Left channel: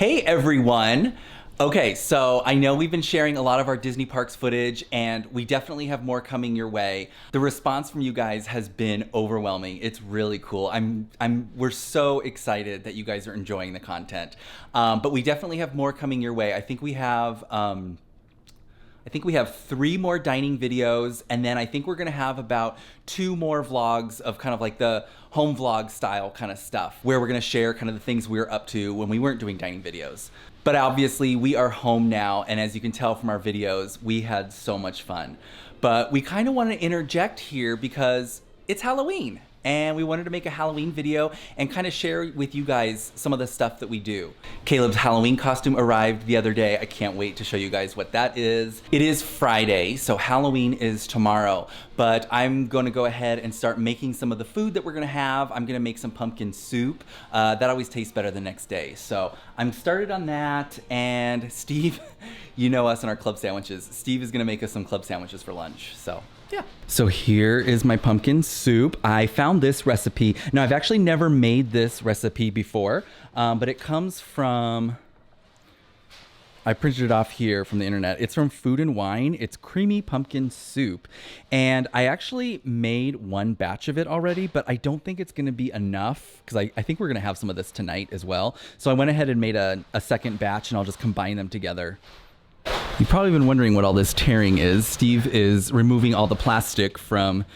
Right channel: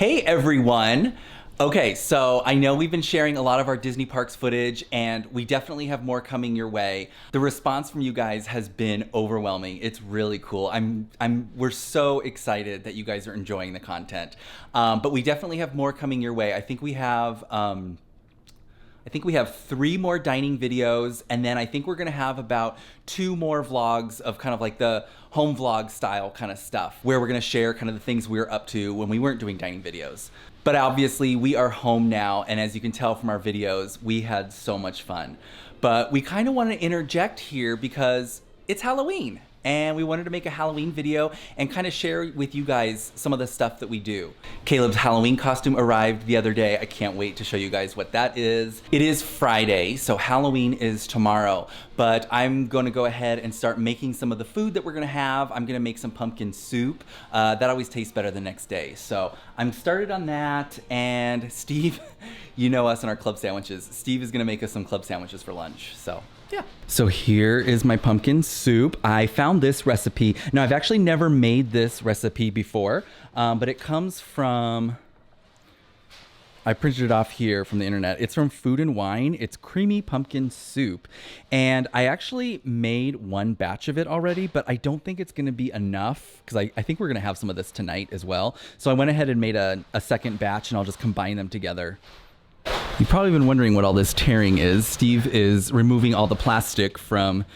Hey everyone! Okay, so I know we've been sharing a lot of our Disney parks footage and we definitely have more coming your way. The response from you guys has been overwhelming. It's really cool. We're so excited that you guys are enjoying the content. But we definitely have more coming your way. I think we have 3 more dining videos, and then I think we're gonna have about 2 more vlogs of kind of like the home vlog style kind of stuff, where we're gonna share kind of the things we were up to when we weren't doing dining videos. But obviously we are home now, and as you can tell from our videos, we had so much fun. But we kind of want to interject here because it's Halloween. And we wanted to make a Halloween video and kind of share with you guys some of the stuff that we do. Caleb's Halloween costume arrived the other day. I can't wait to show you guys what that is. It is Friday, so Halloween is tomorrow. But I'm going to go ahead and start making some of the food that we're going to have. I'm going to make some pumpkin soup. That always tastes better the next day. So I'm started on that. And Steve, you know us and our club sandwiches. Steve is going to make us some club sandwiches for lunch. So yeah. So here is my pumpkin soup. I found this recipe. Now, I've actually never made this recipe before, but it comes from, I printed it off here from the internet. It's from Food and Wine. It's creamy pumpkin soup. And I actually made one batch of it already, but I don't think it's gonna be enough because I think we're gonna have some of this tonight as well. So I went ahead and made a second batch and I'll just combine them together. You've probably been wondering what all this tearing is. Steve is removing all the plastic from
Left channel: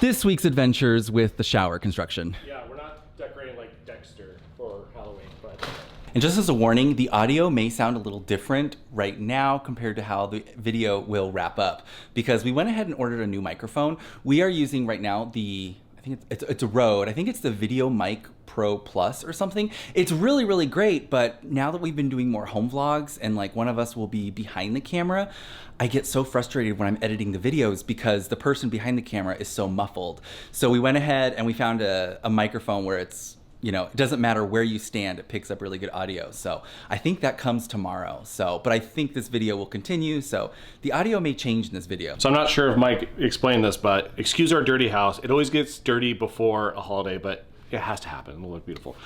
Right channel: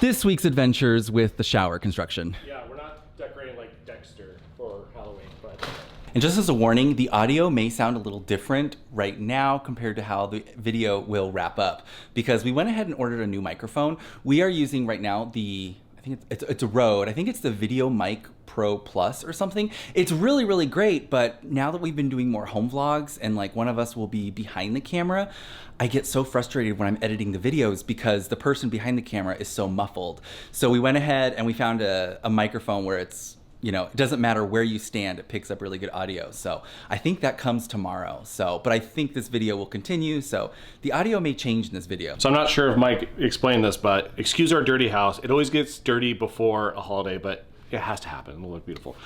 this week's adventures with the shower construction. Yeah, we're not decorating like Dexter for Halloween, but... And just as a warning, the audio may sound a little different right now compared to how the video will wrap up, because we went ahead and ordered a new microphone. We are using right now I think it's a Rode. I think it's the Video Mic Pro Plus or something. It's really, really great, but now that we've been doing more home vlogs and like one of us will be behind the camera, I get so frustrated when I'm editing the videos because the person behind the camera is so muffled. So we went ahead and we found a microphone where it's, you know, it doesn't matter where you stand, it picks up really good audio. So I think that comes tomorrow. So, but I think this video will continue. So the audio may change in this video. So I'm not sure if Mike explained this, but excuse our dirty house. It always gets dirty before a holiday, but it has to happen. It'll look beautiful.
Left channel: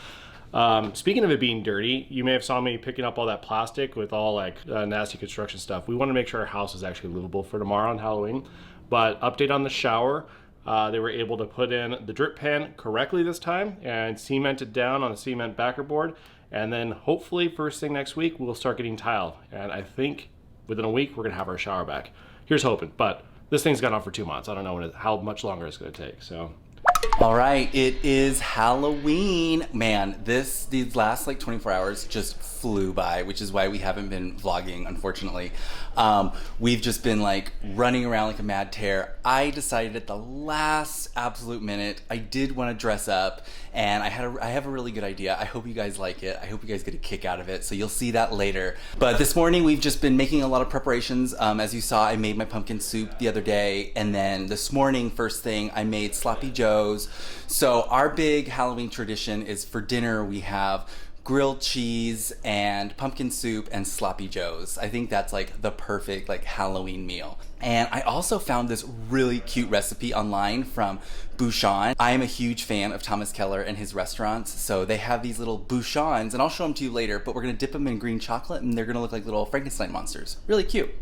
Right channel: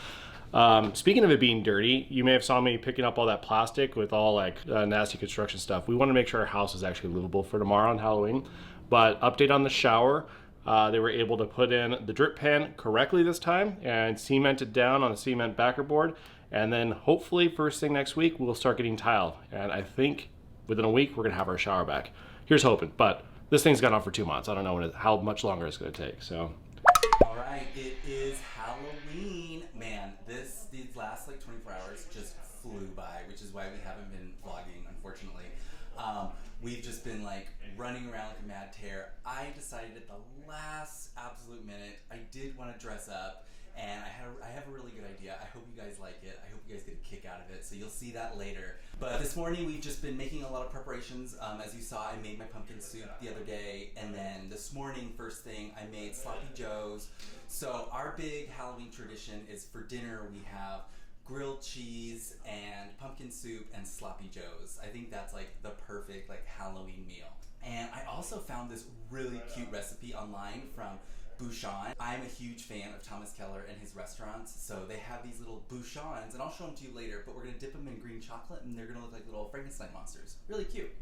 Speaking of it being dirty, you may have saw me picking up all that plastic with all like nasty construction stuff. We want to make sure our house is actually livable for tomorrow on Halloween. But update on the shower. They were able to put in the drip pan correctly this time and cement it down on a cement backer board. And then hopefully first thing next week, we'll start getting tile. And I think within a week, we're gonna have our shower back. Here's hoping, but this thing's gone on for 2 months. I don't know how much longer it's gonna take, so. All right, it is Halloween. Man, these last like 24 hours just flew by, which is why we haven't been vlogging, unfortunately. We've just been like running around like a mad tear. I decided at the last absolute minute, I did want to dress up, and I have a really good idea. I hope you guys like it. I hope you guys get a kick out of it, so you'll see that later. But this morning, we've just been making a lot of preparations. As you saw, I made my pumpkin soup the other day, and then this morning, first thing, I made sloppy joes. So our big Halloween tradition is for dinner, we have grilled cheese and pumpkin soup and sloppy joes. I think that's like the perfect like Halloween meal. And I also found this really cute recipe online from Bouchon. I am a huge fan of Thomas Keller and his restaurants. So they have these little Bouchons, and I'll show them to you later, but we're gonna dip them in green chocolate and they're gonna look like little Frankenstein monsters. Really cute.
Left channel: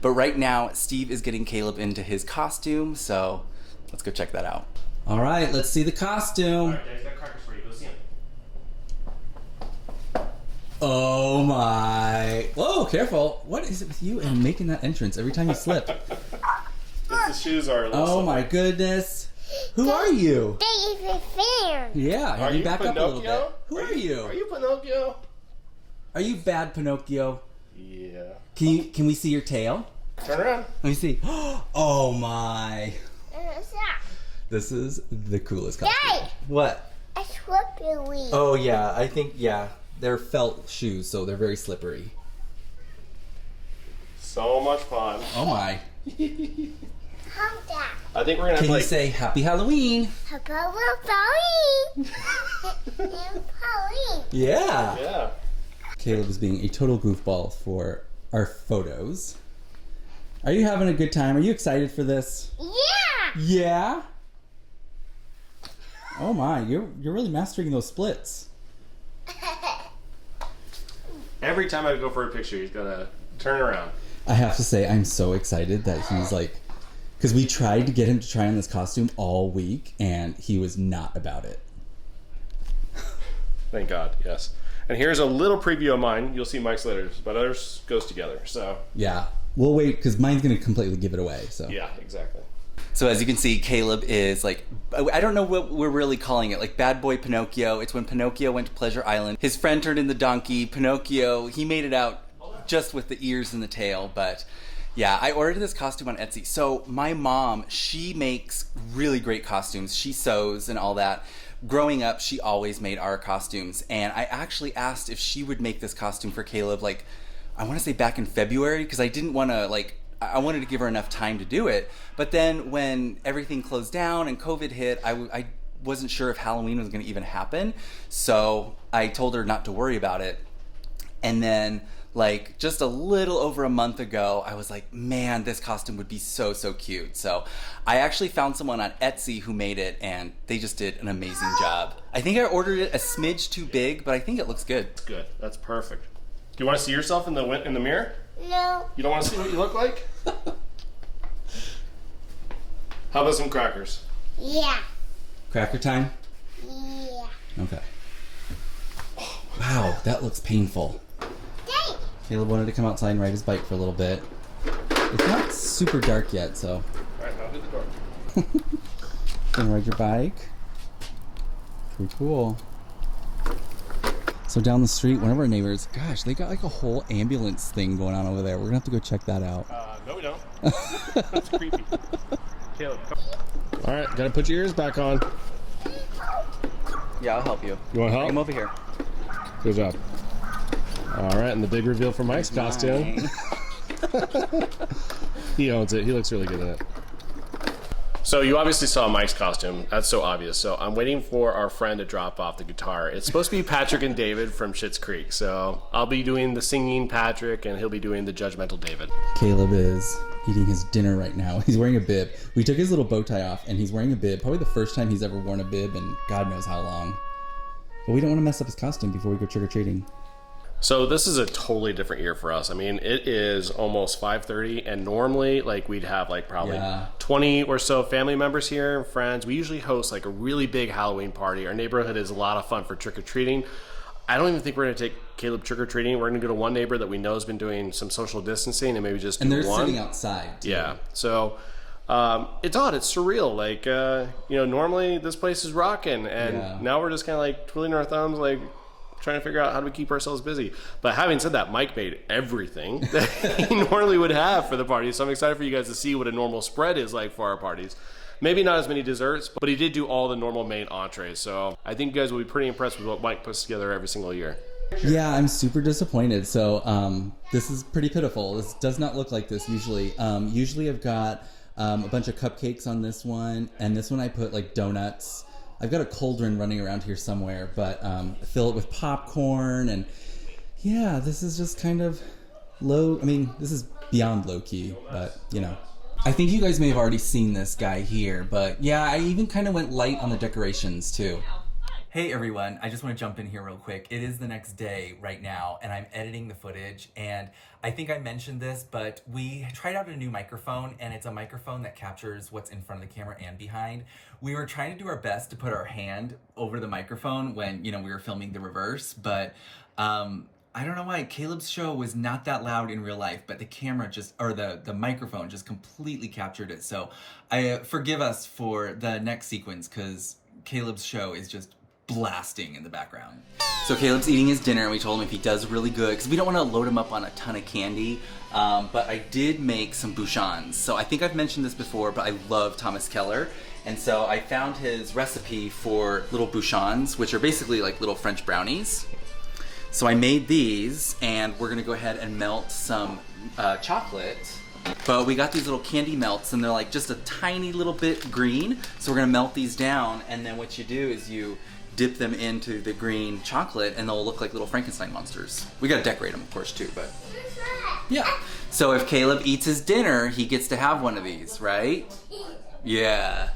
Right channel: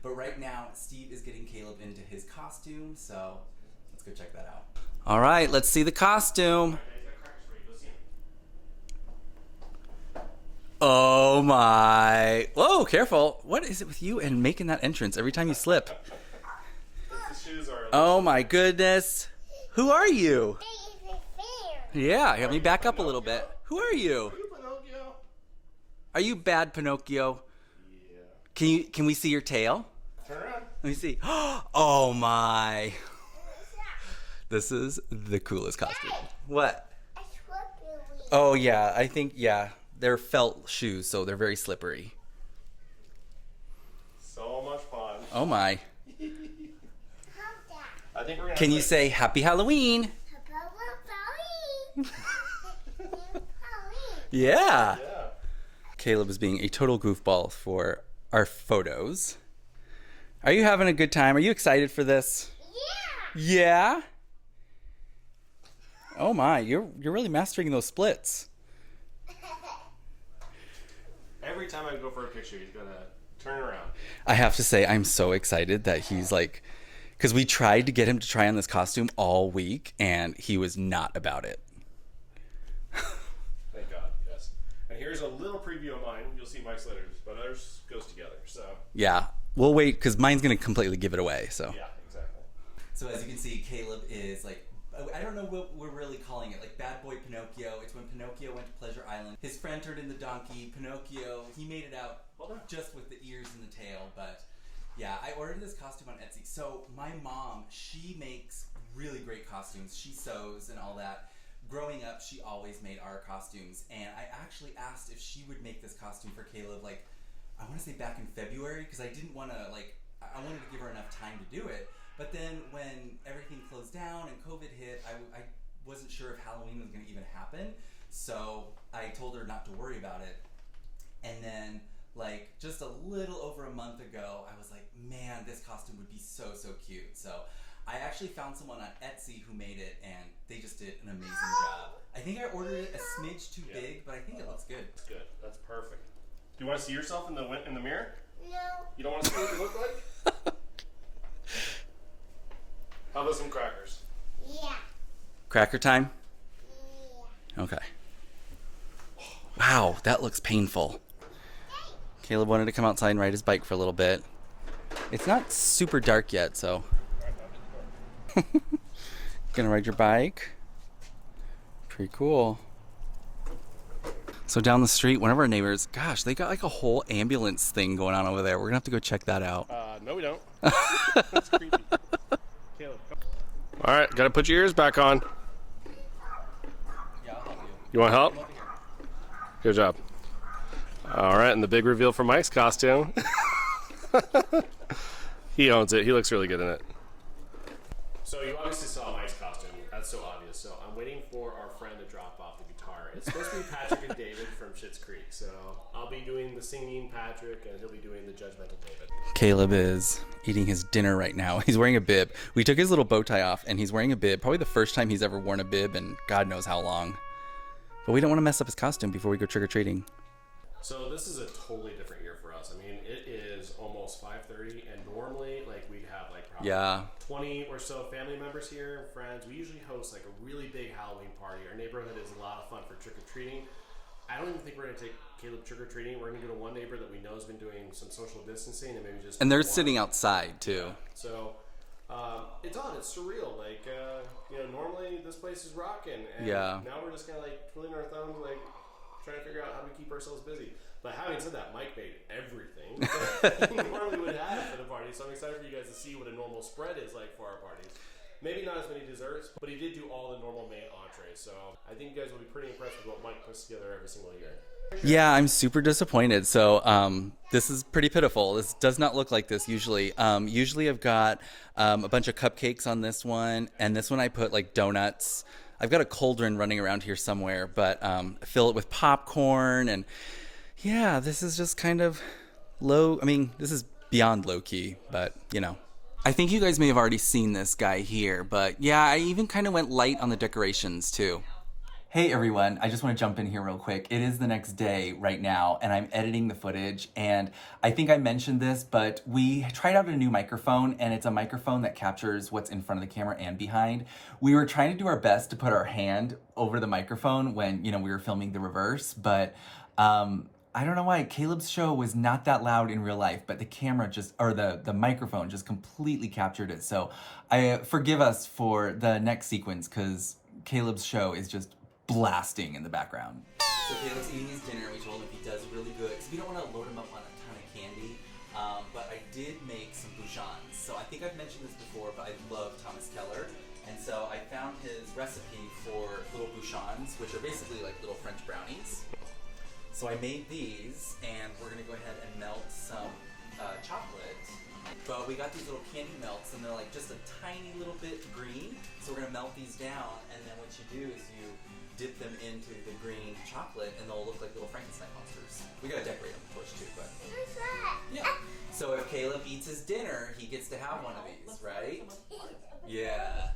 But right now, Steve is getting Caleb into his costume, so let's go check that out. All right, let's see the costume. All right, Daddy's got crackers for you. Go see him. Oh my. Whoa, careful. What is it with you and making that entrance every time you slip? The shoes are. Oh my goodness. Who are you? Fair. Yeah, help me back up a little bit. Pinocchio? Who are you? Are you Pinocchio? Are you bad Pinocchio? Yeah. Can we see your tail? Turn around. Let me see. Oh my. This is the coolest costume. Dad! What? A slippery. Oh yeah, I think, yeah. They're felt shoes, so they're very slippery. So much fun. Oh my. How's that? I think we're gonna. Can you say Happy Halloween? Halloween. Halloween. Yeah. Yeah. Caleb is being a total goofball for our photos. Are you having a good time? Are you excited for this? Yeah. Yeah? Oh my, you're really mastering those splits. Every time I go for a picture, he's got to turn around. I have to say, I'm so excited that he's like, because we tried to get him to try on this costume all week, and he was not about it. Thank God, yes. And here's a little preview of mine. You'll see Mike's later, but ours goes together, so. Yeah, we'll wait, because mine's going to completely give it away, so. Yeah, exactly. So as you can see, Caleb is like, I don't know what we're really calling it, like Bad Boy Pinocchio. It's when Pinocchio went to Pleasure Island. His friend turned into donkey. Pinocchio, he made it out just with the ears and the tail, but yeah, I ordered this costume on Etsy. So my mom, she makes really great costumes. She sews and all that. Growing up, she always made our costumes, and I actually asked if she would make this costume for Caleb, like, I want to say back in February, because I didn't want to, like, I wanted to give her enough time to do it. But then when everything closed down and COVID hit, I wasn't sure if Halloween was going to even happen. So I told her not to worry about it. And then, like, just a little over a month ago, I was like, man, this costume would be so, so cute. So I actually found someone on Etsy who made it, and they just did an amazing job. I think I ordered it a smidge too big, but I think it looks good. It's good. That's perfect. Do you want to see yourself in the mirror? No. You don't want to see what you look like? How about some crackers? Yeah. Cracker time? Yeah. Okay. Wow, that looks painful. Hey. Caleb wanted to come outside and ride his bike for a little bit. It's not super dark yet, so. All right, now hit the door. Gonna ride your bike? Pretty cool. So down the street, one of our neighbors, gosh, they got like a whole ambulance thing going on over there. We're gonna have to go check that out. No, we don't. That's creepy. Caleb, come. All right, gotta put your ears back on. Yeah, I'll help you. You want help? Come over here. Good job. All right, and the big reveal for Mike's costume. He owns it. He looks really good in it. So you obviously saw Mike's costume. That's so obvious. So I'm waiting for our friend to drop off the guitar. It's supposed to be Patrick and David from Schitt's Creek. So I'll be doing the singing Patrick, and he'll be doing the judgmental David. Caleb is eating his dinner right now. He's wearing a bib. We took his little bow tie off, and he's wearing a bib. Probably the first time he's ever worn a bib in God knows how long. But we don't want to mess up his costume before we go trick-or-treating. So this is a totally different year for us. I mean, it is almost 5:30, and normally, like, we'd have like probably 20 or so family members here, friends. We usually host like a really big Halloween party. Our neighborhood is a lot of fun for trick-or-treating. I don't even think we're gonna take Caleb trick-or-treating. We're gonna go to one neighbor that we know has been doing some social distancing, and maybe just And they're one. sitting outside too. Yeah. So it's odd. It's surreal. Like, normally this place is rocking, and now we're just kind of like twiddling our thumbs, like trying to figure out how do we keep ourselves busy. But having said that, Mike made everything that he normally would have for the party. So I'm excited for you guys to see what a normal spread is like for our parties. Maybe not as many desserts, but he did do all the normal main entrees. So I think you guys will be pretty impressed with what Mike puts together every single year. Yeah, I'm super disappointed. So this is pretty pitiful. This does not look like this usually. Usually I've got a bunch of cupcakes on this one, and this one I put like donuts. I've got a cauldron running around here somewhere, but fill it with popcorn, and yeah, this is just kind of low. I mean, this is beyond low key, but you know. I think you guys may have already seen this guy here, but yeah, I even kind of went light on the decorations too. Hey everyone, I just want to jump in here real quick. It is the next day right now, and I'm editing the footage, and I think I mentioned this, but we tried out a new microphone, and it's a microphone that captures what's in front of the camera and behind. We were trying to do our best to put our hand over the microphone when, we were filming the reverse, but I don't know why. Caleb's show was not that loud in real life, but the camera the microphone just completely captured it. So forgive us for the next sequence, because Caleb's show is just blasting in the background. So Caleb's eating his dinner, and we told him if he does really good, because we don't want to load him up on a ton of candy, but I did make some bouchons. So I think I've mentioned this before, but I love Thomas Keller, and so I found his recipe for little bouchons, which are basically like little French brownies. So I made these, and we're gonna go ahead and melt some chocolate. But we got these little candy melts, and they're like just a tiny little bit green. So we're gonna melt these down, and then what you do is you dip them into the green chocolate, and they'll look like little Frankenstein monsters. We gotta decorate them, of course, too, but yeah. So if Caleb eats his dinner, he gets to have one of these, right? Yeah.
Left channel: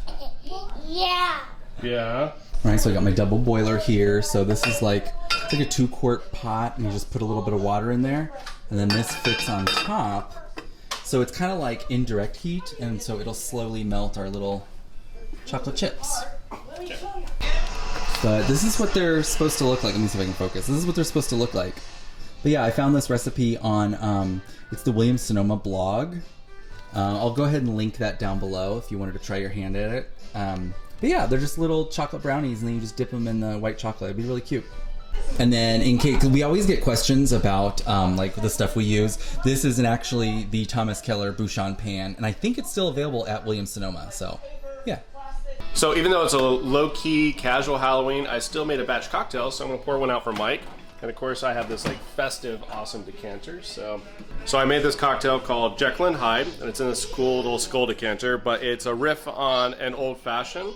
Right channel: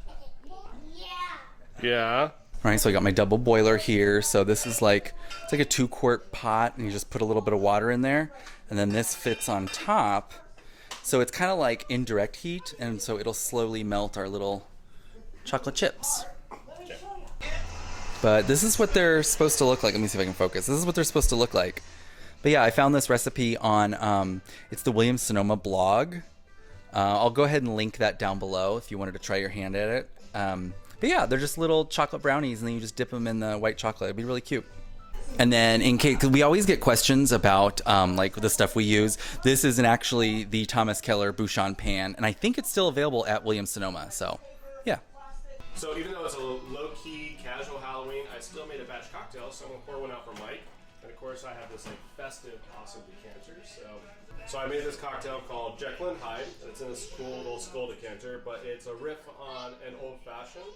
Yeah. Yeah. All right, so I got my double boiler here. So this is like It's like a 2-quart pot, and you just put a little bit of water in there, and then this fits on top. So it's kind of like indirect heat, and so it'll slowly melt our little chocolate chips. But this is what they're supposed to look like. Let me see if I can focus. This is what they're supposed to look like. But yeah, I found this recipe on, it's the Williams-Sonoma blog. I'll go ahead and link that down below if you wanted to try your hand at it. But yeah, they're just little chocolate brownies, and then you just dip them in the white chocolate. It'd be really cute. And then in case, cause we always get questions about like the stuff we use. This isn't actually the Thomas Keller Bouchon pan, and I think it's still available at Williams-Sonoma, so yeah. So even though it's a low-key, casual Halloween, I still made a batch cocktail, so I'm gonna pour one out for Mike. And of course I have this like festive, awesome decanter. So I made this cocktail called Jekyll and Hyde, and it's in this cool little skull decanter, but it's a riff on an old fashioned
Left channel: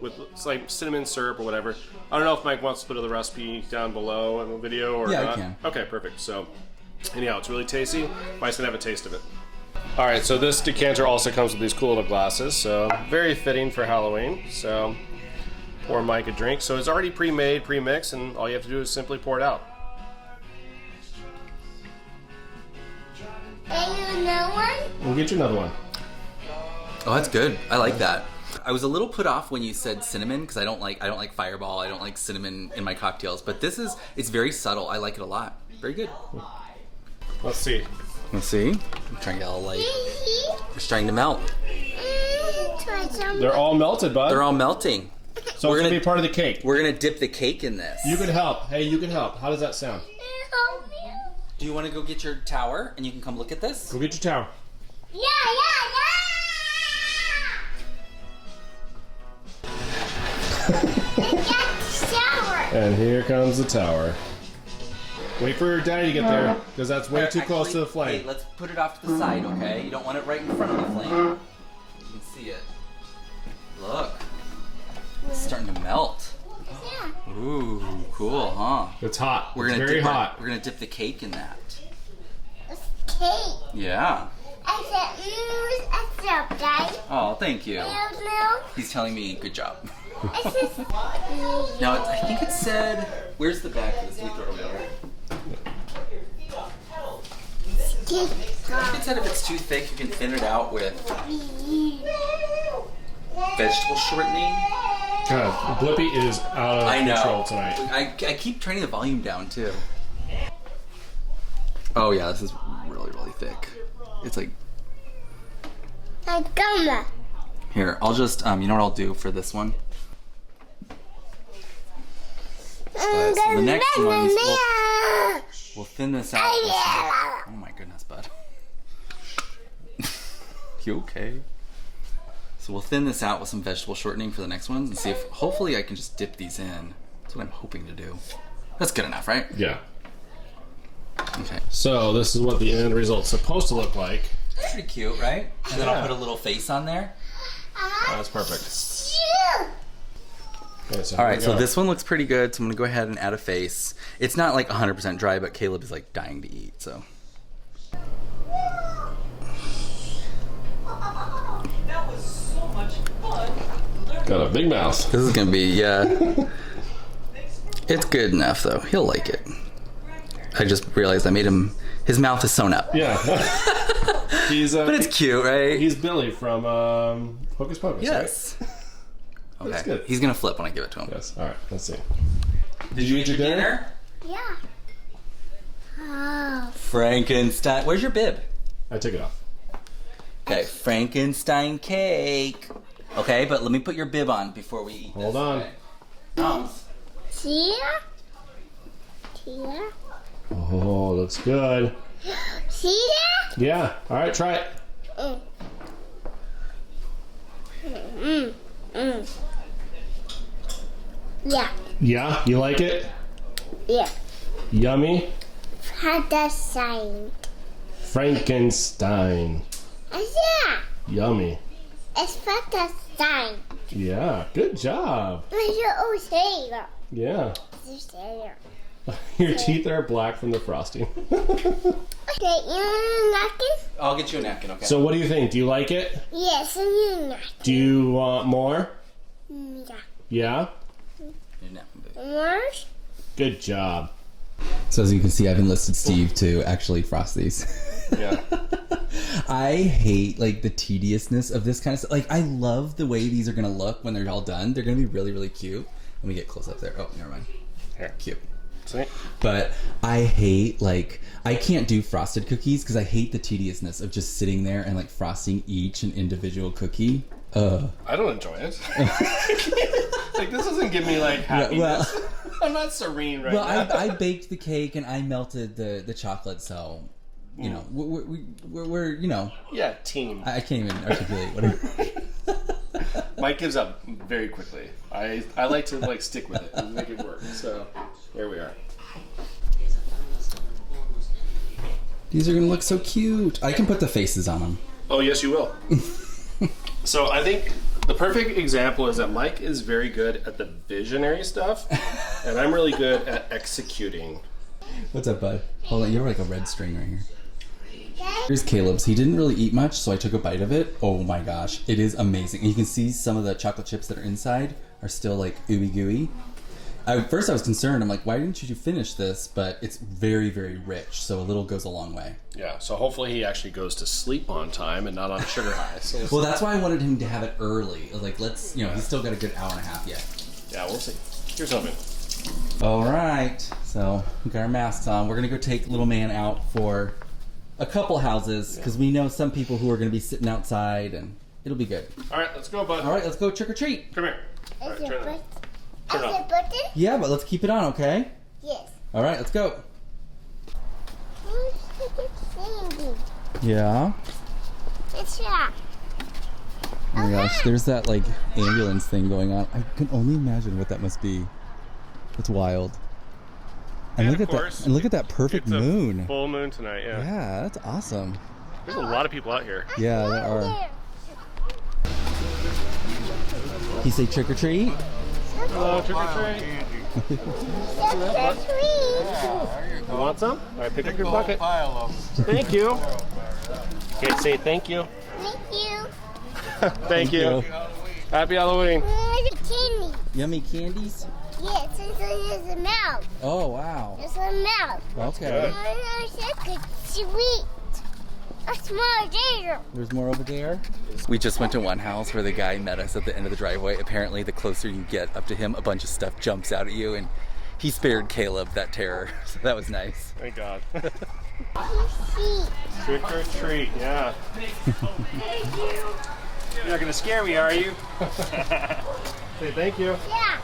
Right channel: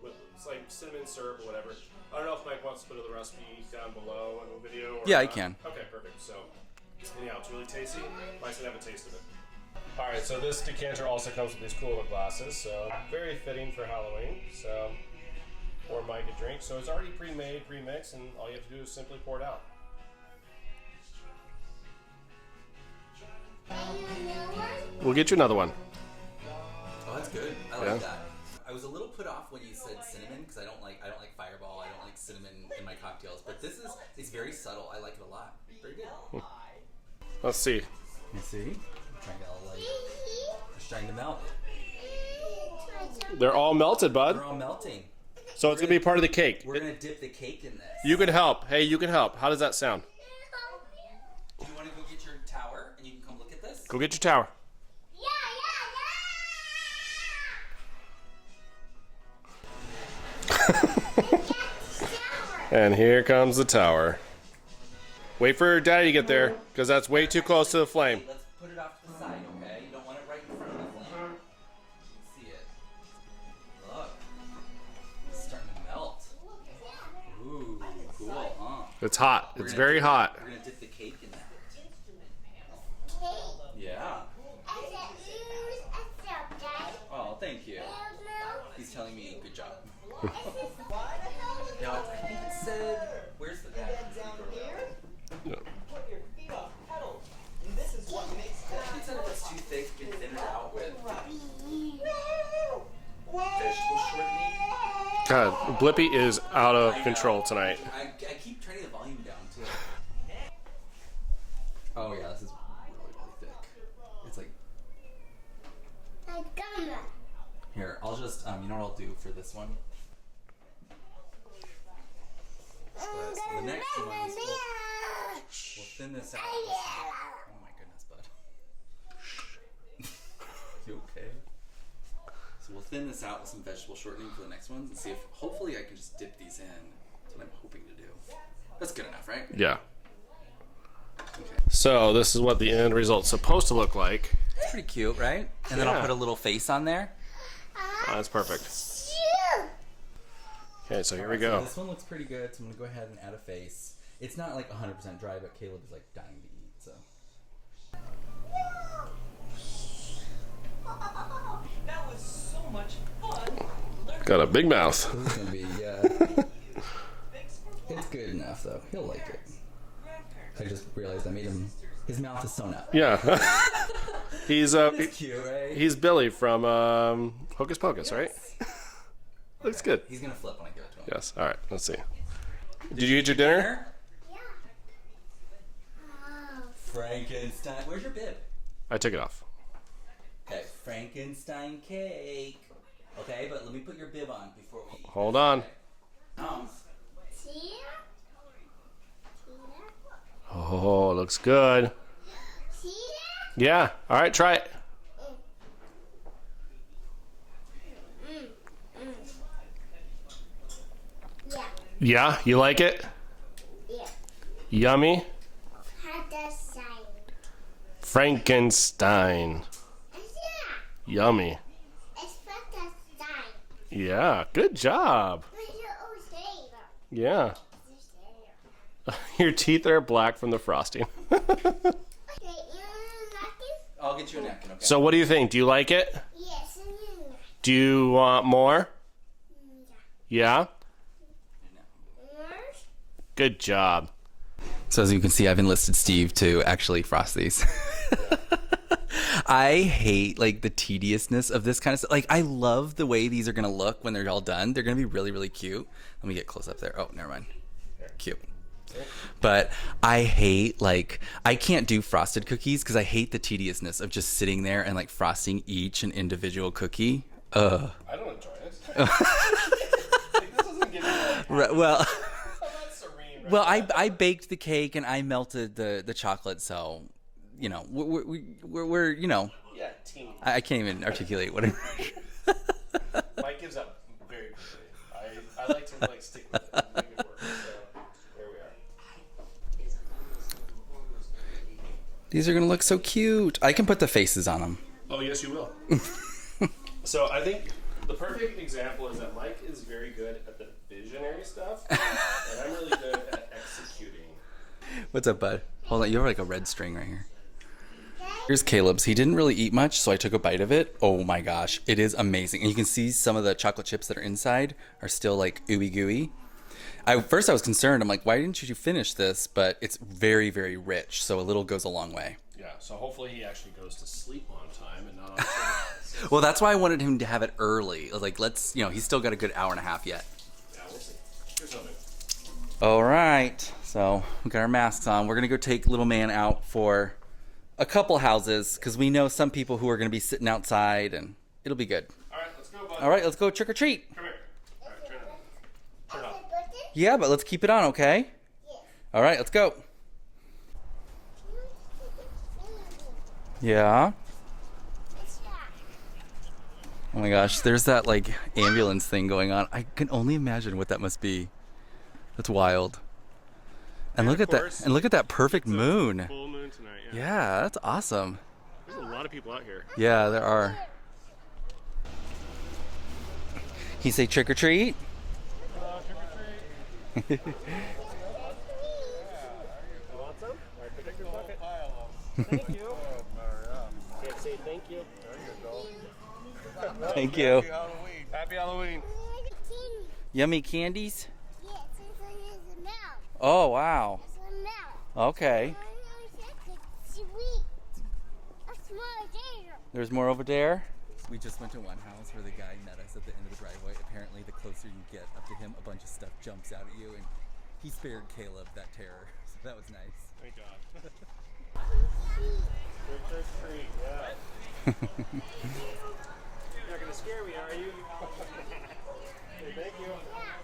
with it's like cinnamon syrup or whatever. I don't know if Mike wants to put the recipe down below in the video or yeah, not. I can. Okay, perfect. So anyhow, it's really tasty. Mike's gonna have a taste of it. All right, so this decanter also comes with these cool little glasses, so very fitting for Halloween. So pour Mike a drink. So it's already pre-made, pre-mixed, and all you have to do is simply pour it out. And another one? We'll get you another one. Oh, that's good. I like that. I was a little put off when you said cinnamon because I don't like Fireball. I don't like cinnamon in my cocktails. But it's very subtle. I like it a lot. Very good. Let's see. Let's see. I'm trying to get all light. It's trying to melt. Try some. They're all melted, bud. They're all melting. So it's gonna be part of the cake. We're gonna dip the cake in this. You can help. Hey, you can help. How does that sound? Do you want to go get your tower and you can come look at this? Go get your tower. Yeah. And here comes the tower. Wait for Daddy to get there, because that's way too close to the flame. Wait, let's put it off to the side, okay? You don't want it right in front of the flame. You can see it. Look. It's starting to melt. Ooh, cool, huh? It's hot. It's very hot. We're gonna dip the cake in that. It's cake. Yeah. I said, Daddy. Oh, thank you. Milk. He's telling me good job. I said, Now, I think it said, where's the back of this? We throw it away. I think it said if it's too thick, you can thin it out with vegetable shortening. God, Blippi is out of control tonight. I keep turning the volume down, too. Oh, yeah, this is really, really thick. It's like... I'm gonna. Here, I'll just, you know what I'll do for this one? So the next one, we'll thin this out. Oh my goodness, bud. You okay? So we'll thin this out with some vegetable shortening for the next ones and see if, hopefully I can just dip these in. That's what I'm hoping to do. That's good enough, right? Yeah. Okay. So this is what the end result's supposed to look like. It's pretty cute, right? And then I'll put a little face on there. That's perfect. Okay, so All right, so this one looks pretty good, so I'm gonna go ahead and add a face. It's not like 100% dry, but Caleb is like dying to eat, so. That was so much fun. Got a big mouth. This is gonna be, yeah. It's good enough though, he'll like it. I just realized I made him, his mouth is sewn up. Yeah. He's But it's cute, right? He's Billy from Hocus Pocus, Yes. right? Okay. That's good. He's gonna flip when I give it to him. Yes. All right. Let's see. Did you eat your dinner? Yeah. Oh. Frankenstein. Where's your bib? I took it off. Okay, Frankenstein cake. Okay, but let me put your bib on before we eat. Hold this, on. okay? Moms. Tia? Tia? Oh, looks good. See that? Yeah. All right. Try it. Yeah. Yeah. You like it? Yeah. Yummy. Frankenstein. Frankenstein. Yeah. Yummy. It's Frankenstein. Yeah. Good job. Yeah. Your teeth are black from the frosting. Okay, you want a napkin? I'll get you a napkin, okay? So what do you think? Do you like it? Yes, I need a napkin. Do you want more? Yeah. Yeah? Your napkin, babe. More? Good job. So as you can see, I've enlisted Steve to actually frost these. Yeah. I hate like the tediousness of this kind of stuff. Like I love the way these are gonna look when they're all done. They're gonna be really, really cute. Let me get close up there. Oh, never mind. Here. Cute. See? But I hate like I can't do frosted cookies because I hate the tediousness of just sitting there and like frosting each an individual cookie. I don't enjoy it. Like this doesn't give me like happiness. Well, I'm not serene right well, now. I baked the cake and I melted the chocolate, so you know we're you know. Yeah, team. I can't even articulate whatever. Mike gives up very quickly. I like to like stick with it and make it work. So here we are. These are gonna look so cute. I can put the faces on them. Oh yes, you will. So I think the perfect example is that Mike is very good at the visionary stuff, and I'm really good at executing. What's up, bud? Hold on, you have like a red string right here. Here's Caleb's. He didn't really eat much, so I took a bite of it. Oh my gosh, it is amazing. And you can see some of the chocolate chips that are inside are still like ooey gooey. First I was concerned. I'm like, why didn't you finish this? But it's very, very rich, so a little goes a long way. Yeah, so hopefully he actually goes to sleep on time and not on sugar highs. Well, that's why I wanted him to have it early. I was like, let's, you know, he's still got a good hour and a half yet. Yeah, we'll see. Here's something. All right, so we got our masks on. We're gonna go take little man out for a couple houses because we know some people who are gonna be sitting outside, and it'll be good. All right, let's go, bud. All right, let's go trick or treat. Come here. All right, turn it on. Turn it on. button? Yeah, but let's keep it on, okay? Yes. All right, let's go. Sandy. Yeah. It's that. Oh my gosh, there's that like ambulance thing going on. I can only imagine what that must be. That's wild. And And look of at course, that! And look at that perfect It's a moon. Full moon tonight, yeah. Yeah, that's awesome. There's a lot of people out here. Yeah, there are. He say trick or treat? Hello, trick or treat. You want some? All right, pick up your bucket. Thank you. Okay, say thank you. Thank you. Thank you. Happy Halloween. Candy. Yummy candies? Yes, it's a mouth. Oh, wow. It's a mouth. Okay. Sweet. A small gator. There's more over there. We just went to one house where the guy met us at the end of the driveway. Apparently, the closer you get up to him, a bunch of stuff jumps out at you, and he spared Caleb that terror. So that was nice. Thank God. See. Trick or treat, yeah. You're not gonna scare me, are you? Say thank you. Yeah.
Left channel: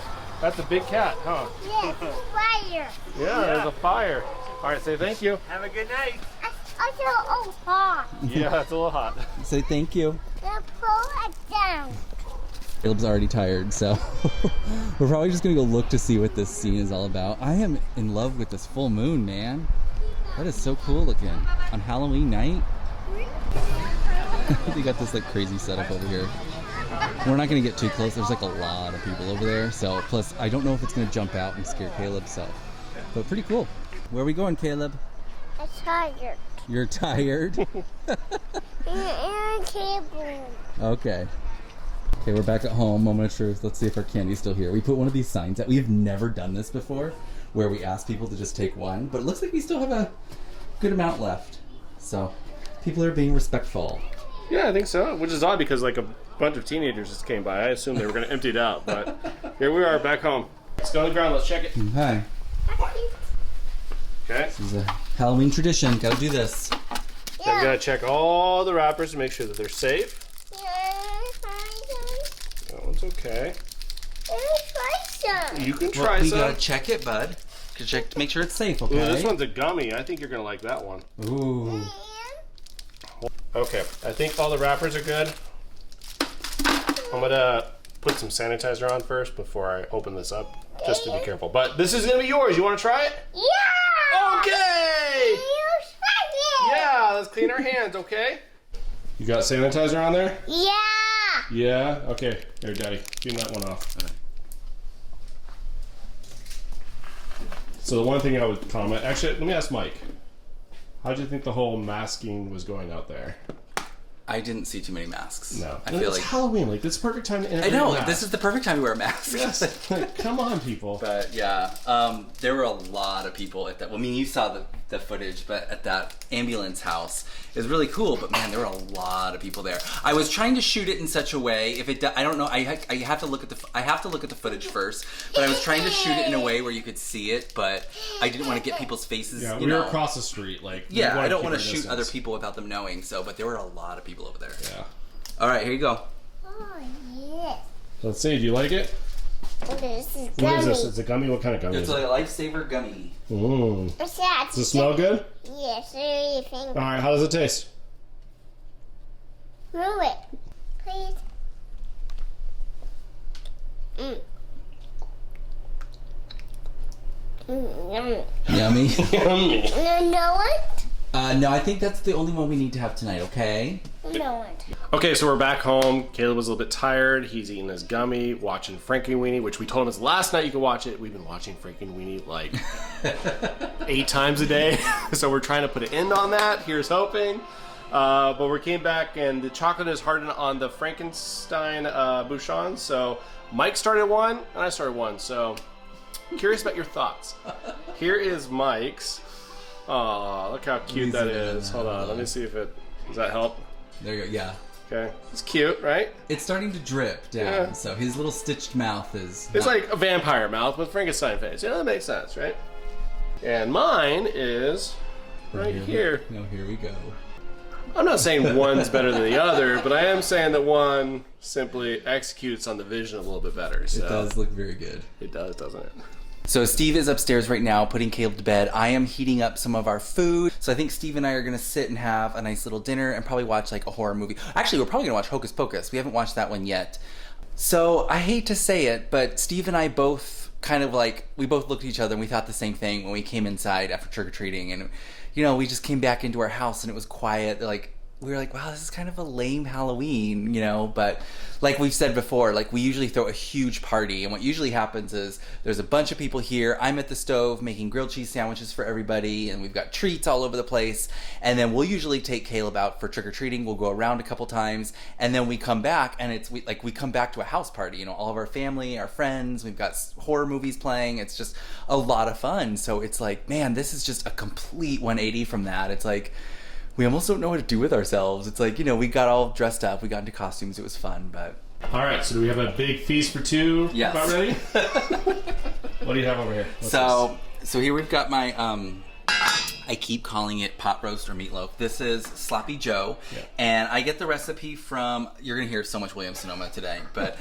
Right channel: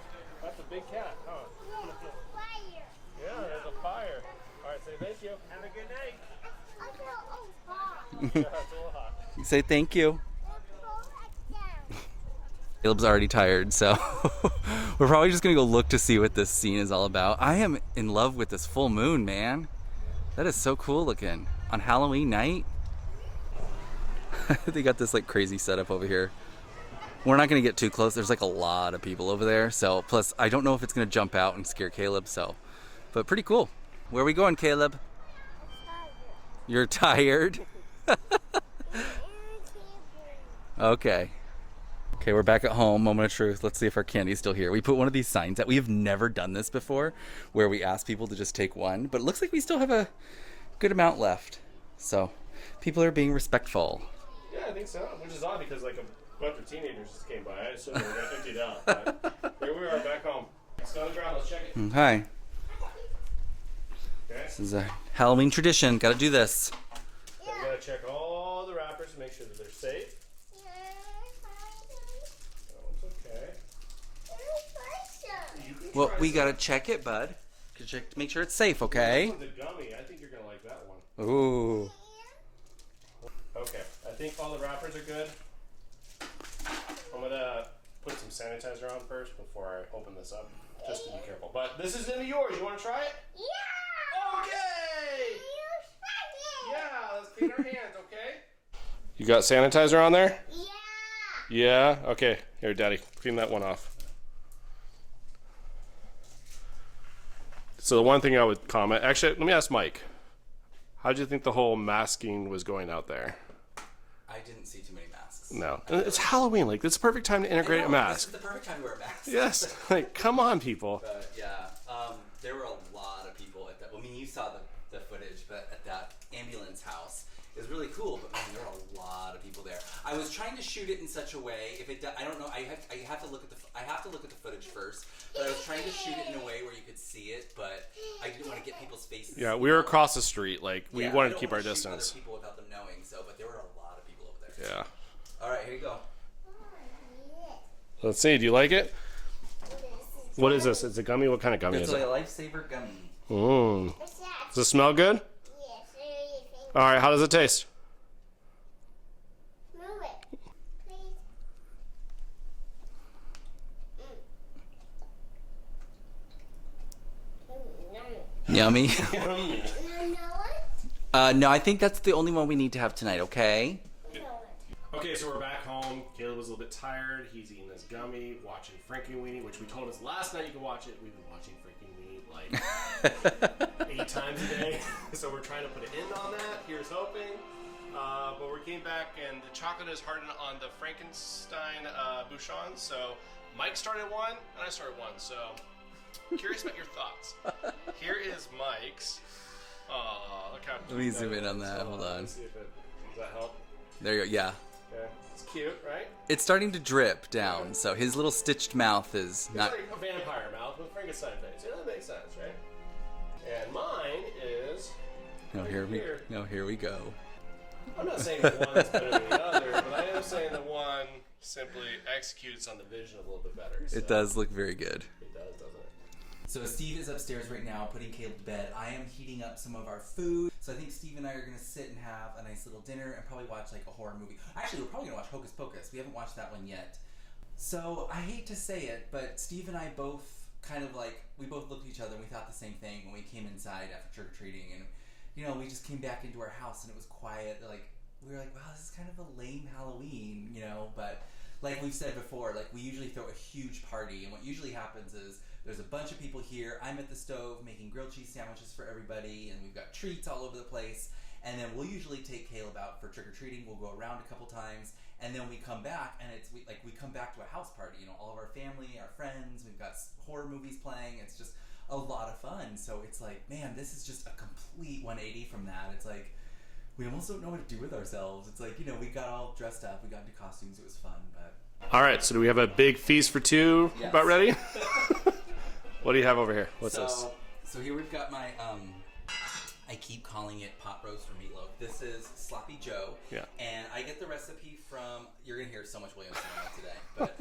That's a big cat, huh? Yes. Fire. Yeah, there's a fire. All right, say thank you. Have a good night. Also, hot. Yeah, that's a little hot. Say thank you. Then pull it down. Caleb's already tired, so we're probably just gonna go look to see what this scene is all about. I am in love with this full moon, man. That is so cool looking. On Halloween night. They got this like crazy setup over here. We're not gonna get too close. There's like a lot of people over there. So plus I don't know if it's gonna jump out and scare Caleb, so but pretty cool. Where are we going, Caleb? I'm tired. You're tired? And table. Okay. Okay, we're back at home. Moment of truth. Let's see if our candy's still here. We put one of these signs out. We have never done this before, where we ask people to just take one, but it looks like we still have a good amount left. So people are being respectful. Yeah, I think so. Which is odd because like a bunch of teenagers just came by. I assumed they were gonna empty it out, but here we are back home. Let's go on the ground. Let's check it. Hi. Okay. This is a Halloween tradition. Gotta do this. So we gotta check all the wrappers to make sure that they're safe. That one's okay. You can try Well, we some. gotta check it, bud. Gotta check to make sure it's safe, Ooh, okay? this one's a gummy. I think you're gonna like that one. Ooh. Okay, I think all the wrappers are good. I'm gonna put some sanitizer on first before I open this up, just to be careful. But this is gonna be yours. You wanna try it? Yeah! Okay! You tried it! Yeah, let's clean our hands, okay? You got sanitizer on there? Yeah! Yeah? Okay. Here, Daddy, clean that one off. So the one thing I would comment, actually, let me ask Mike. How did you think the whole masking was going out there? I didn't see too many masks. No. I feel It's like Halloween. Like, this is the perfect time to I integrate a know mask. this is the perfect time to wear a mask. Yes. Like, come on, people. But yeah, there were a lot of people at that. Well, I mean, you saw the footage, but at that ambulance house, it was really cool. But man, there were a lot of people there. I was trying to shoot it in such a way. If it, I don't know. I have to look at the footage first. But I was trying to shoot it in a way where you could see it, but I didn't want to get people's faces. Yeah, you we were know. across the street. Like, we Yeah, wanted I don't keep want to our shoot distance. other people without them knowing. So, but there were a lot of people over there. Yeah. All right, here you go. Oh, yes. Let's see. Do you like it? This is What is this? gummy. It's a gummy? What kind of gummy It's is like it? a lifesaver gummy. Mmm. What's that? Does it smell good? Yes, really think. All right. How does it taste? Move it. Please. Mm. Yummy. Yummy. No one? No, I think that's the only one we need to have tonight. Okay. No one. Okay, so we're back home. Caleb was a little bit tired. He's eating his gummy, watching Frankenweenie, which we told him is last night you could watch it. We've been watching Frankenweenie like 8 times a day. So we're trying to put an end on that. Here's hoping. But we came back and the chocolate is hardened on the Frankenstein Bouchons. So Mike started one and I started one. So curious about your thoughts. Here is Mike's. Aw, look how cute that is. Hold on, let me see if it, does that help? There you go. Yeah. Okay, it's cute, right? It's starting to drip down, Yeah. so his little stitched mouth is. It's not- like a vampire mouth with Frankenstein face. Yeah, that makes sense, right? And mine is right here. No, here we go. I'm not saying one's better than the other, but I am saying that one simply executes on the vision a little bit better. So It does look very good. It does, doesn't it? So Steve is upstairs right now putting Caleb to bed. I am heating up some of our food. So I think Steve and I are going to sit and have a nice little dinner and probably watch like a horror movie. Actually, we're probably going to watch Hocus Pocus. We haven't watched that one yet. So I hate to say it, but Steve and I both kind of like, we both looked at each other and we thought the same thing when we came inside after trick-or-treating. And, you know, we just came back into our house and it was quiet. Like, we were like, wow, this is kind of a lame Halloween, you know, but like we've said before, like we usually throw a huge party, and what usually happens is there's a bunch of people here. I'm at the stove making grilled cheese sandwiches for everybody, and we've got treats all over the place, and then we'll usually take Caleb out for trick-or-treating. We'll go around a couple times, and then we come back, and we come back to a house party, you know, all of our family, our friends, we've got horror movies playing. It's just a lot of fun. So it's like, man, this is just a complete 180 from that. It's like, we almost don't know what to do with ourselves. It's like, you know, we got all dressed up, we got into costumes, it was fun, but... All right, so do we have a big feast for two? Yes. About ready? What do you have over here? What's So here we've got my, I keep calling it pot roast or meatloaf. This is Sloppy Joe, Yeah. and I get the recipe from, you're gonna hear so much Williams-Sonoma today, but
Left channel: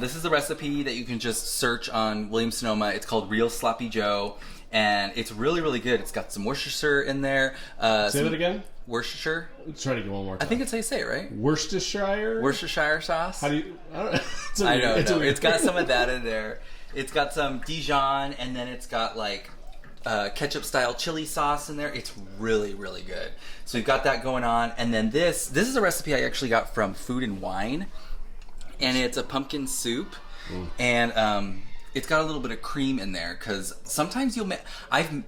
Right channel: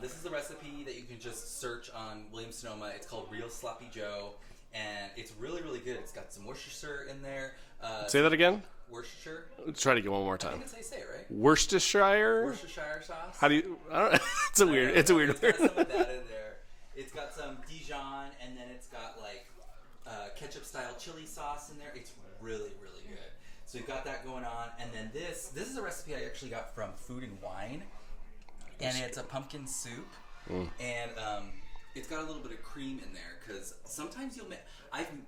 this is the recipe that you can just search on Williams-Sonoma. It's called Real Sloppy Joe, and it's really, really good. It's got some Worcestershire in there. Say that again? Worcestershire? Let's try to get one more time. I think it's how you say it, right? Worcestershire? Worcestershire sauce. How do you... I don't know. It's a I weird... know, it's a weird... It's got some of that in there. It's got some Dijon, and then it's got like ketchup style chili sauce in there. It's really, really good. So we've got that going on, and then this is a recipe I actually got from Food and Wine, and it's a pumpkin soup, and it's got a little bit of cream in there, because sometimes you'll make...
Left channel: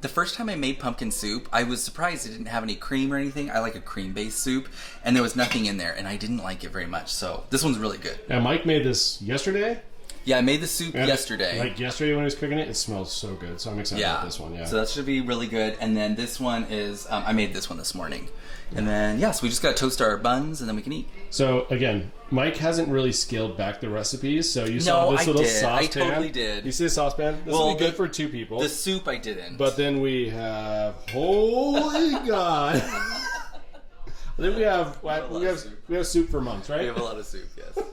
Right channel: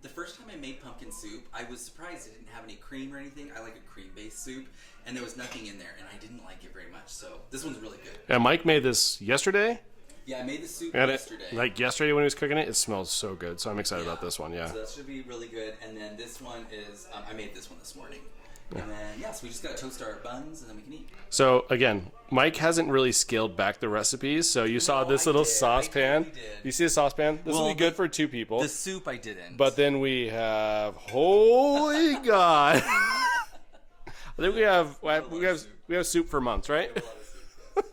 the first time I made pumpkin soup, I was surprised it didn't have any cream or anything. I like a cream-based soup, and there was nothing in there, and I didn't like it very much. So this one's really good. And Mike made this yesterday? Yeah, I made the soup And yesterday. Like yesterday when he was cooking it, it smells so good. So I'm excited about this one, yeah. So that should be really good. And then this one is, I made this one this morning. And then, so we just got to toast our buns and then we can eat. So again, Mike hasn't really scaled back the recipes. So you saw this I little did. saucepan. I totally did. You see the saucepan? This will be good for 2 people. The soup I didn't. But then we have, holy God. I think we have soup for months, right? We have a lot of soup, yes.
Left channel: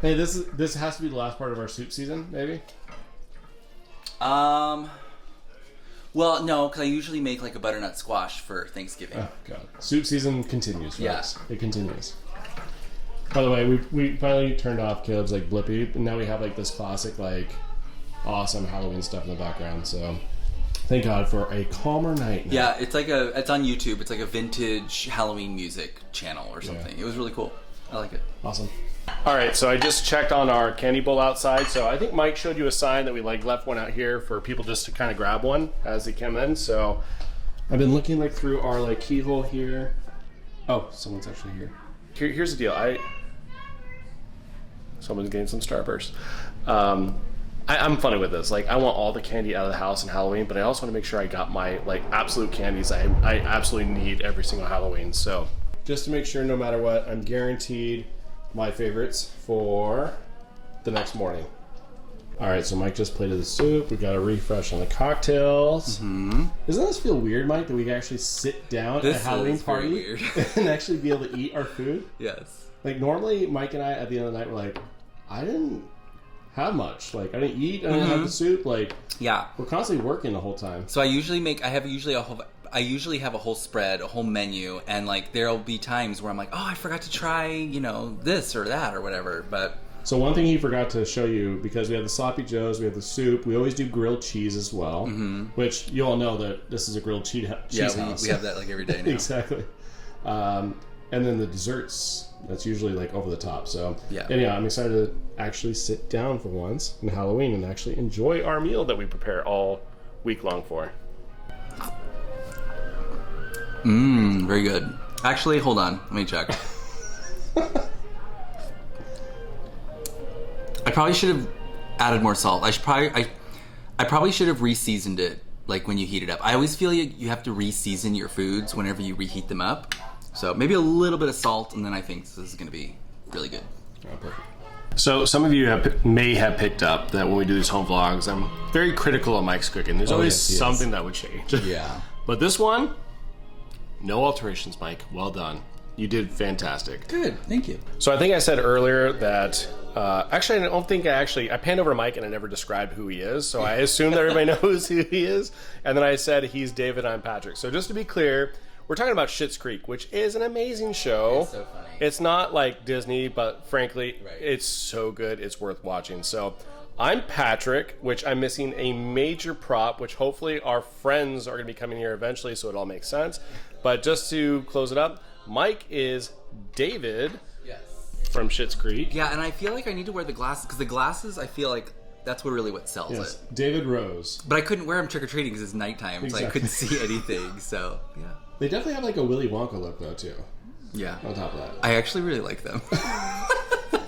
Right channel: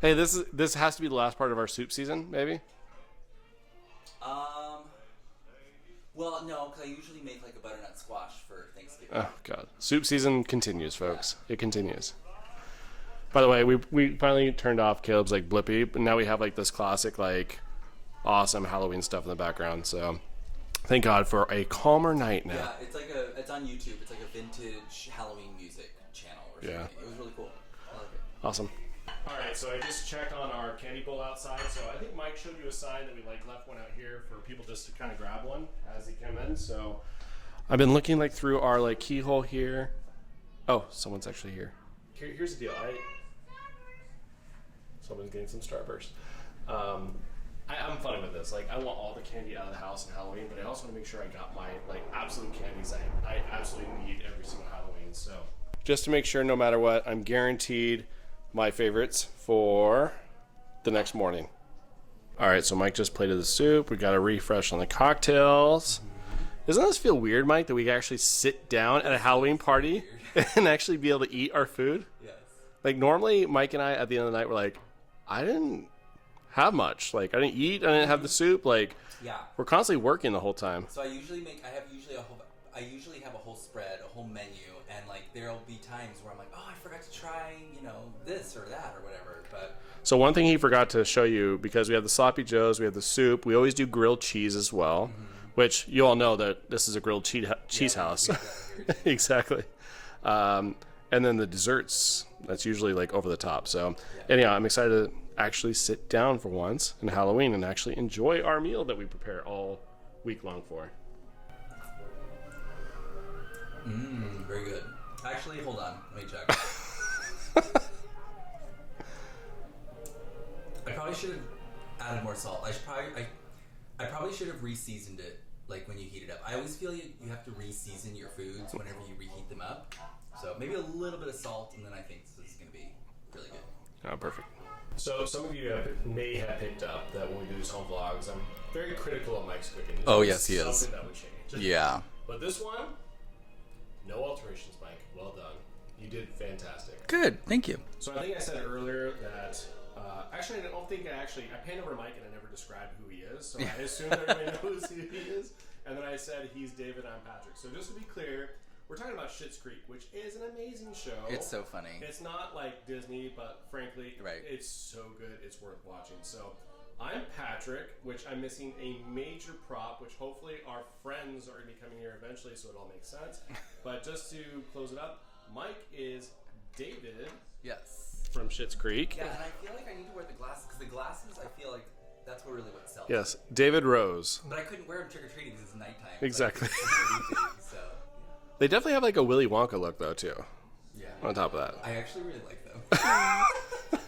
Hey, this has to be the last part of our soup season, maybe? Well, no, because I usually make like a butternut squash for Thanksgiving. Oh, God. Soup season continues, folks. Yeah. It continues. By the way, we finally turned off Caleb's like Blippy, but now we have like this classic like awesome Halloween stuff in the background. So thank God for a calmer night now. Yeah, it's on YouTube. It's like a vintage Halloween music channel or something. Yeah. It was really cool. I like it. Awesome. All right, so I just checked on our candy bowl outside. So I think Mike showed you a sign that we like left one out here for people just to kind of grab one as they come in. So I've been looking like through our like keyhole here, Oh, someone's actually here. Here's the deal. Someone's getting some Starburst. I'm funny with this. Like, I want all the candy out of the house in Halloween, but I also want to make sure I got my like absolute candies I absolutely need every single Halloween. So just to make sure, no matter what, I'm guaranteed my favorites for the next morning. All right, so Mike just plated the soup. We got a refresh on the cocktails. Mm-hmm. Doesn't this feel weird, Mike, that we can actually sit down at a Halloween party and actually be able to eat our food? Yes. Like, normally, Mike and I, at the end of the night, we're like, I didn't have much. Like, I didn't eat. I didn't have the soup. Like, yeah, we're constantly working the whole time. So I usually have a whole spread, a whole menu, and like there'll be times where I'm like, oh, I forgot to try, this or that or whatever. But so one thing he forgot to show you, because we have the sloppy joes, we have the soup, we always do grilled cheese as well, which you all know that this is a grilled cheese house. We have that like every day now. Exactly. And then the desserts, that's usually like over the top. So yeah. Anyhow, I'm excited to actually sit down for once in Halloween and actually enjoy our meal that we prepare all week long for. Very good. Actually, hold on. Let me check. I probably should have added more salt. I probably should have re-seasoned it, like when you heat it up. I always feel you have to re-season your foods whenever you reheat them up. So maybe a little bit of salt, and then I think this is going to be really good. Oh, perfect. So some of you may have picked up that when we do these home vlogs, I'm very critical of Mike's cooking. There's always something that would change. Yeah. But this one, no alterations, Mike. Well done. You did fantastic. Good. Thank you. So I think I said earlier that actually, I don't think I panned over Mike and I never described who he is. So I assume that everybody knows who he is. And then I said he's David, I'm Patrick. So just to be clear, we're talking about Schitt's Creek, which is an amazing show. It's so funny. It's not like Disney, but frankly, Right. It's so good. It's worth watching. So I'm Patrick, which I'm missing a major prop, which hopefully our friends are going to be coming here eventually, so it all makes sense. But just to close it up, Mike is David. Yes. From Schitt's Creek. Yeah, and I feel like I need to wear the glasses, because the glasses, I feel like that's what sells Yes, it. David Rose. But I couldn't wear them trick-or-treating because it's nighttime, Exactly. so I couldn't see anything, so, yeah. They definitely have like a Willy Wonka look, though, too. Yeah. On top of that. I actually really like them.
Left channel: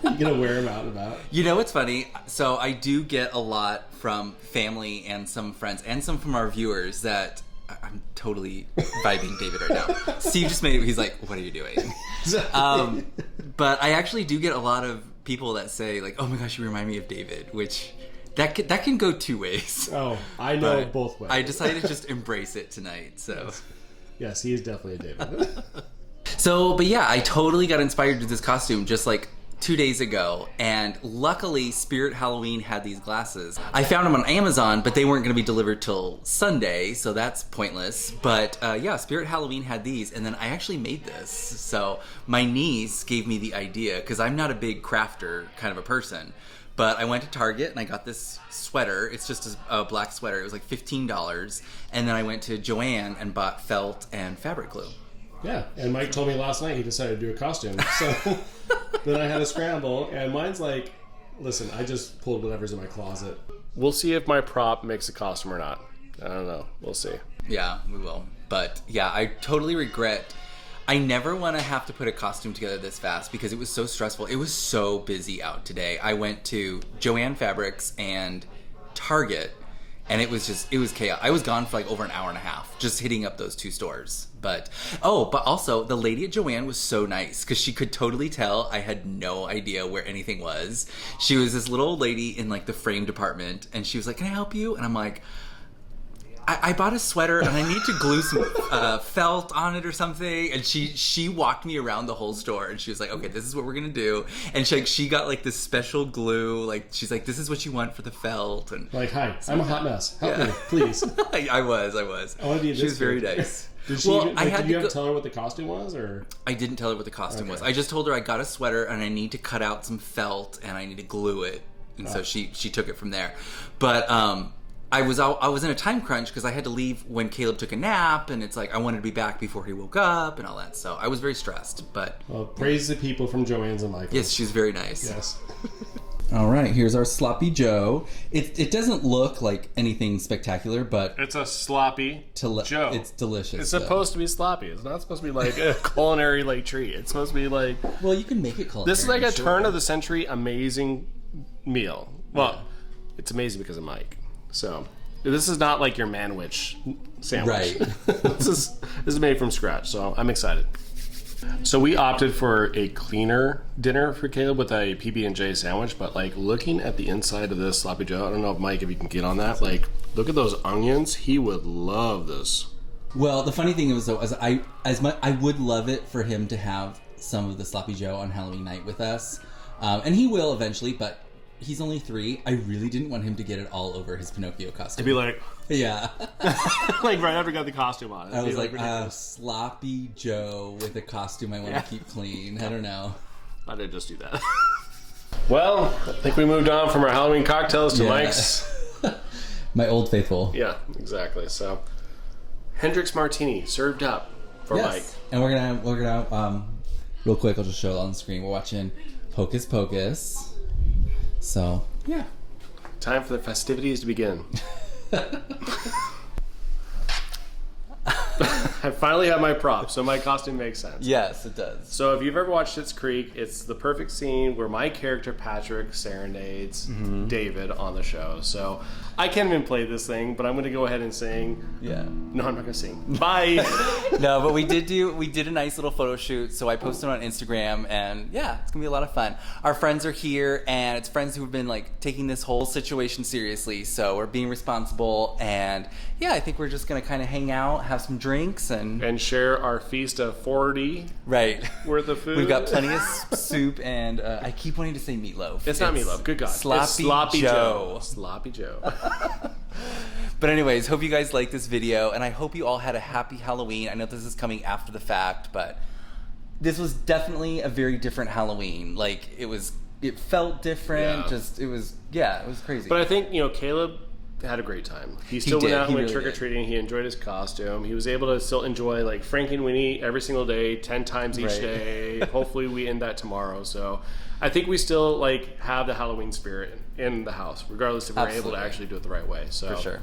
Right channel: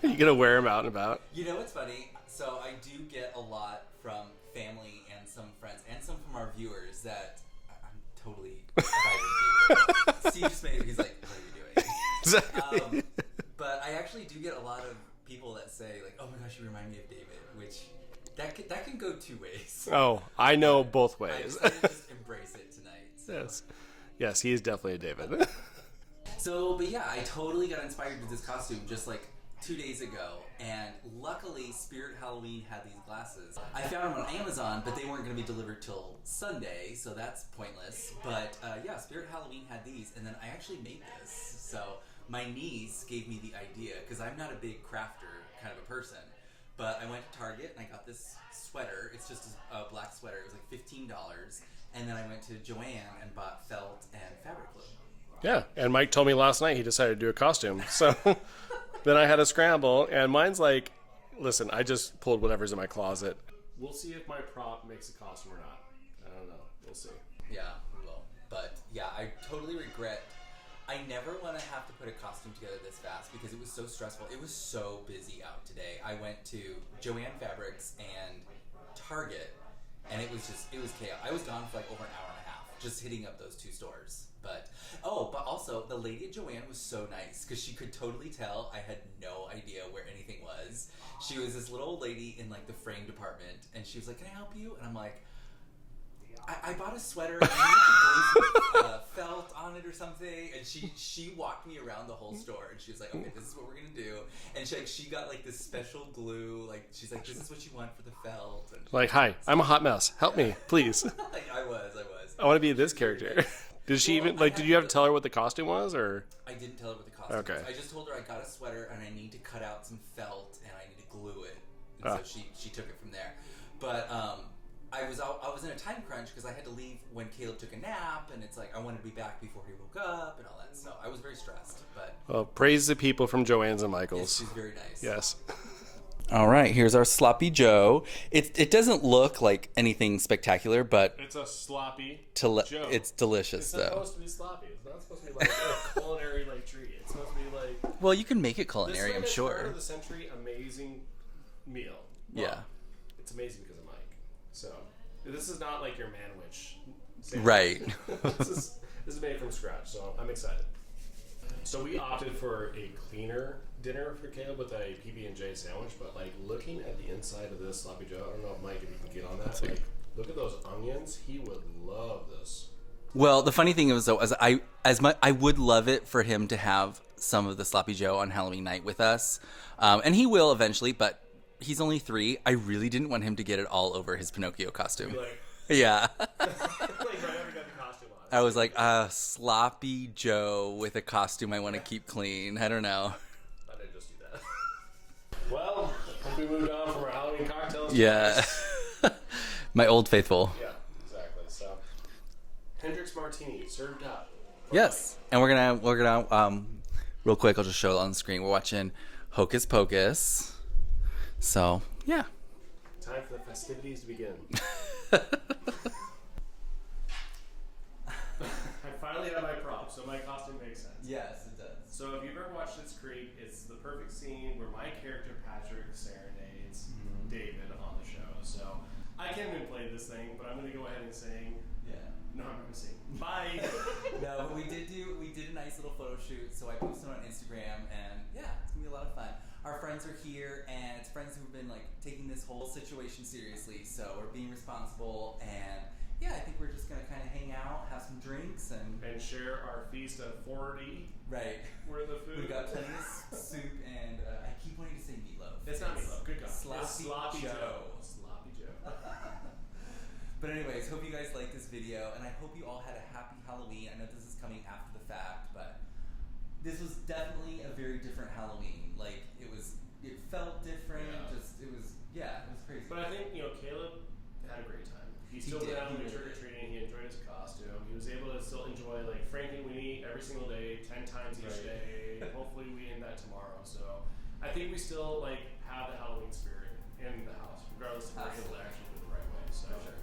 You gonna wear them out and about? You know what's funny? So I do get a lot from family and some friends and some from our viewers that I'm totally vibing David right now. Steve just made it. He's like, "What are you doing?" Exactly. But I actually do get a lot of people that say like, "Oh my gosh, you remind me of David," which that can go two ways. Oh, I know But both ways. I decided to just embrace it tonight. So. Yes, he is definitely a David. So, but yeah, I totally got inspired to this costume just like 2 days ago, and luckily Spirit Halloween had these glasses. I found them on Amazon, but they weren't going to be delivered till Sunday, so that's pointless. But yeah, Spirit Halloween had these, and then I actually made this. So my niece gave me the idea, because I'm not a big crafter kind of a person. But I went to Target and I got this sweater. It's just a black sweater. It was like $15. And then I went to Joann and bought felt and fabric glue. Yeah, and Mike told me last night he decided to do a costume. So then I had a scramble, and mine's like, listen, I just pulled whatever's in my closet. We'll see if my prop makes a costume or not. I don't know. We'll see. Yeah, we will. But yeah, I totally regret. I never want to have to put a costume together this fast because it was so stressful. It was so busy out today. I went to Joann Fabrics and Target, and it was chaos. I was gone for like over an hour and a half just hitting up those two stores. But also the lady at Joann was so nice because she could totally tell I had no idea where anything was. She was this little old lady in like the frame department, and she was like, "Can I help you?" And I'm like, I bought a sweater and I need to glue some felt on it or something. And she walked me around the whole store and she was like, "Okay, this is what we're gonna do." And she got like this special glue. Like she's like, "This is what you want for the felt." And Like, hi, I'm a hot mess. Help me, please. I was. I want to be this She was very character. nice. Did she Well, even did you have to tell her what the costume was, or? I didn't tell her what the costume Okay. was. I just told her I got a sweater and I need to cut out some felt and I need to glue it. And so she took it from there. But I was in a time crunch because I had to leave when Caleb took a nap, and it's like I wanted to be back before he woke up and all that. So I was very stressed. But Well, praise the people from Joann's and Michael's. yes, she's very nice. Yes. All right, here's our sloppy Joe. It doesn't look like anything spectacular, but It's a sloppy Joe. it's delicious. It's though. supposed to be sloppy. It's not supposed to be like a culinary like treat. It's supposed to be like Well, you can make it culinary. this is like a sure. turn of the century amazing meal. Well, Yeah. it's amazing because of Mike. So this is not like your manwich sandwich. Right. this is made from scratch. So I'm excited. So we opted for a cleaner dinner for Caleb with a PB&J sandwich, but like looking at the inside of this sloppy Joe, I don't know if Mike, if you can get on that. Like, look at those onions. He would love this. Well, the funny thing is though, I would love it for him to have some of the sloppy Joe on Halloween night with us, and he will eventually. But he's only 3. I really didn't want him to get it all over his Pinocchio costume. To be like, yeah. like right after he got the costume on. I was like, sloppy Joe with a costume I want to keep clean. I don't know. I did just do that. Well, I think we moved on from our Halloween cocktails to Mike's. My old faithful. Yeah, exactly. So, Hendrick's Martini served up for Yes. And we're gonna real quick, I'll just show it on the screen. We're watching Hocus Pocus. So, yeah. Mike. Time for the festivities to begin. I finally have my prop, so my costume makes sense. Yes, it does. So if you've ever watched Schitt's Creek, it's the perfect scene where my character Patrick serenades David on the show. So I can't even play this thing, but I'm going to go ahead and sing. Yeah. No, I'm not going to sing. Bye. No, but we did a nice little photo shoot, so I posted on Instagram, and yeah, it's gonna be a lot of fun. Our friends are here, and it's friends who have been like taking this whole situation seriously, so we're being responsible, and yeah, I think we're just gonna kind of hang out, have some drinks, and share our feast of 40 right worth of food. We've got plenty of soup, and I keep wanting to say meatloaf. It's not meatloaf. Good God. It's Sloppy Joe. Sloppy Joe. But anyways, hope you guys like this video, and I hope you all had a happy Halloween. I know this is coming after the fact, but this was definitely a very different Halloween. Like, it felt different. Yeah. It was crazy. But I think, Caleb had a great time. He still went did. out and He went really trick-or-treating. He enjoyed his costume. He was able to still enjoy, like, Frankenweenie every single day, 10 times each Right. day. Hopefully we end that tomorrow. So I think we still, like, have the Halloween spirit in the house, regardless if we're able Absolutely. to actually do it the right way. So For sure.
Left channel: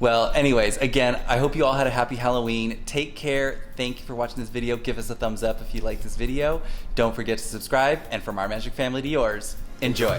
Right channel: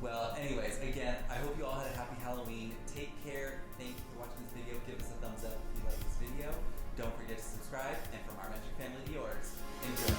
Well, anyways, again, I hope you all had a happy Halloween. Take care. Thank you for watching this video. Give us a thumbs up if you like this video. Don't forget to subscribe. And from our magic family to yours, enjoy.